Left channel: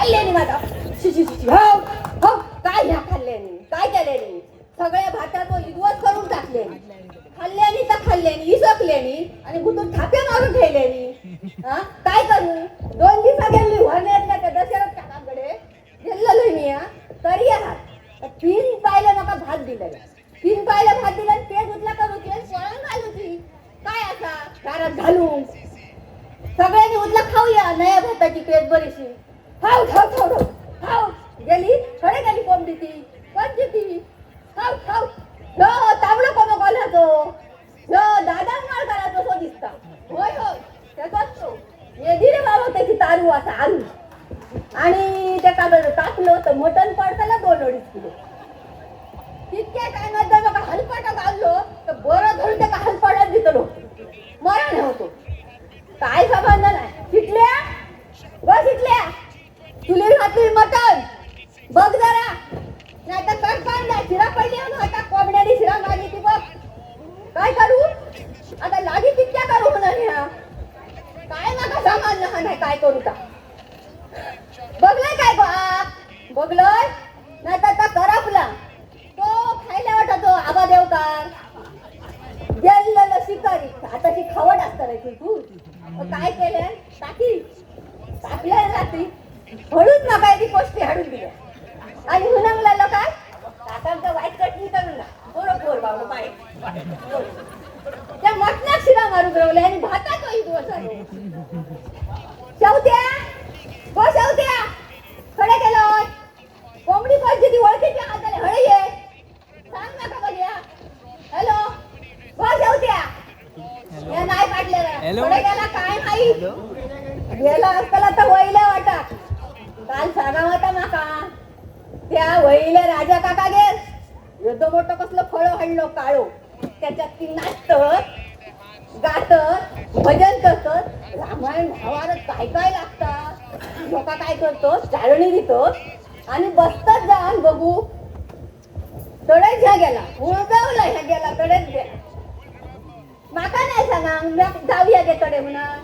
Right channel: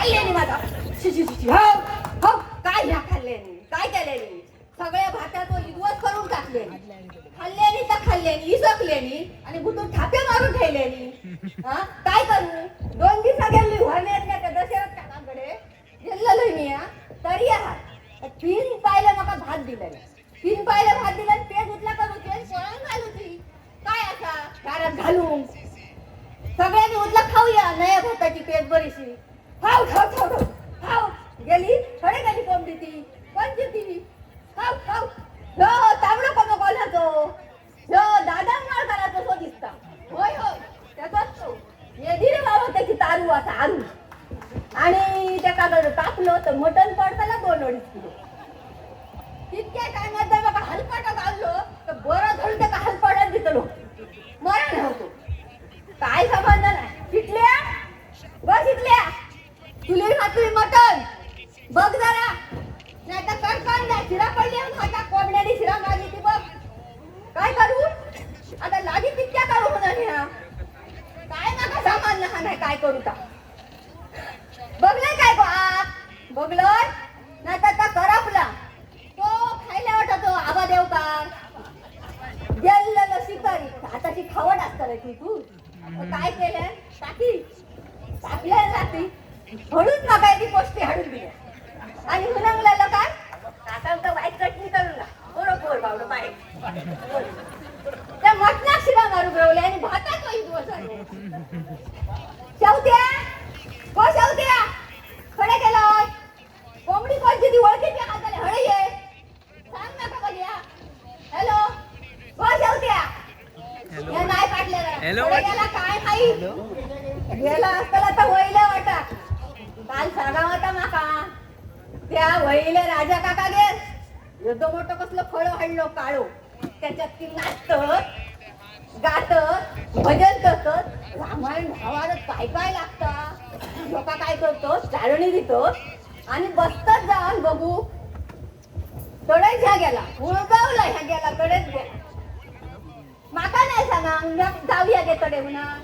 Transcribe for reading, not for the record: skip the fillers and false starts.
खाल्ल्यानी माझा हो हो काय ह्या खाल्ल्यानी काय केल्यानी सगळ्या भातात इदवत करून टाकले खाल्ल्यानी तर खाल्ल्यानी इसकल्यानी आणि भुतून थापे मारून ठेवल्यानी काय करू 2 दिवसा गेली व्हरण्यातल्या त्या दशरथ काकांकडे गेलेलो मी तरी आहात 3 पायला नका भात दिलेला 3 पायला भात दिला पेट उठला करू ते पळून घालू ती काय असा दारात घालून सगळ्यांनी उठला खाऊया नया भाताची पेट बरीशी खाऊ खाऊ खाऊ खाऊ गेली थोडे गेली कोंबडी ती कोणती ती खाऊ खाऊ हो तांबडं कोण बोलायचो हो दादा मार करायचो तो दिसता होय होय त्याचाच तो येदी रे बाबा त्याची तारू असा आरू आणि त्या कागद टाकलं तर मटण पडताना 2-2.5 किलो तितके काय नंतर मग हलपाटा घाललो तर बरं धरून त्या हलपाटात दिसलो मरण होतो काय संबंध नाही शिकल्या बस शिकल्या तुले घातली मटण बघ जरा नाही तर कटकान द्या शिरा पडली आता कोंबड्यानी शिरा मारली ती बघ काय करू आता लागी तितक्या करू म्हणा काय नका सामान लहान आहे काय करू का बघलंय काय बघलोय नाही तर करपला तो खायला वाटतो आबा देवकार गेलेलं शिकारी आता ती खवड असतं रे तू काय केलं टाकल्या रात्री म्हणून नका ती पोस्टी हाडून दिल्या आणि हुनंगलेलं काय काकांचं वाईट कटली करूला बरोबर बाबू बाई त्या मटणात शिरा मारून रावले आणि भातात शेवत्या हो शेवत्या खडे केलं कोंबडी कोणची ती ओळखीची हाताले हळे ये सांग नका बघूया हॅलो हो शेवत्या या नाही पाटलेला खडे गेला काय माहित गेला असताना तर वहिल्या वाटा काल सांगा होता माका त्या वहिल्या राजा काका गेल एवढं मोठं कसलं फळ हाणलो काळो त्याच्यात ती नाचत गात भजन करत रामायण भावानं काय काय लागतं लोक काय करतो चाळणी देतो आणि बसतात जाऊन बघू तडेच ह्या गेला उळगावला ह्या गेला तडेच गेला माका नाही सांगा जाऊया गे तडे म्हणा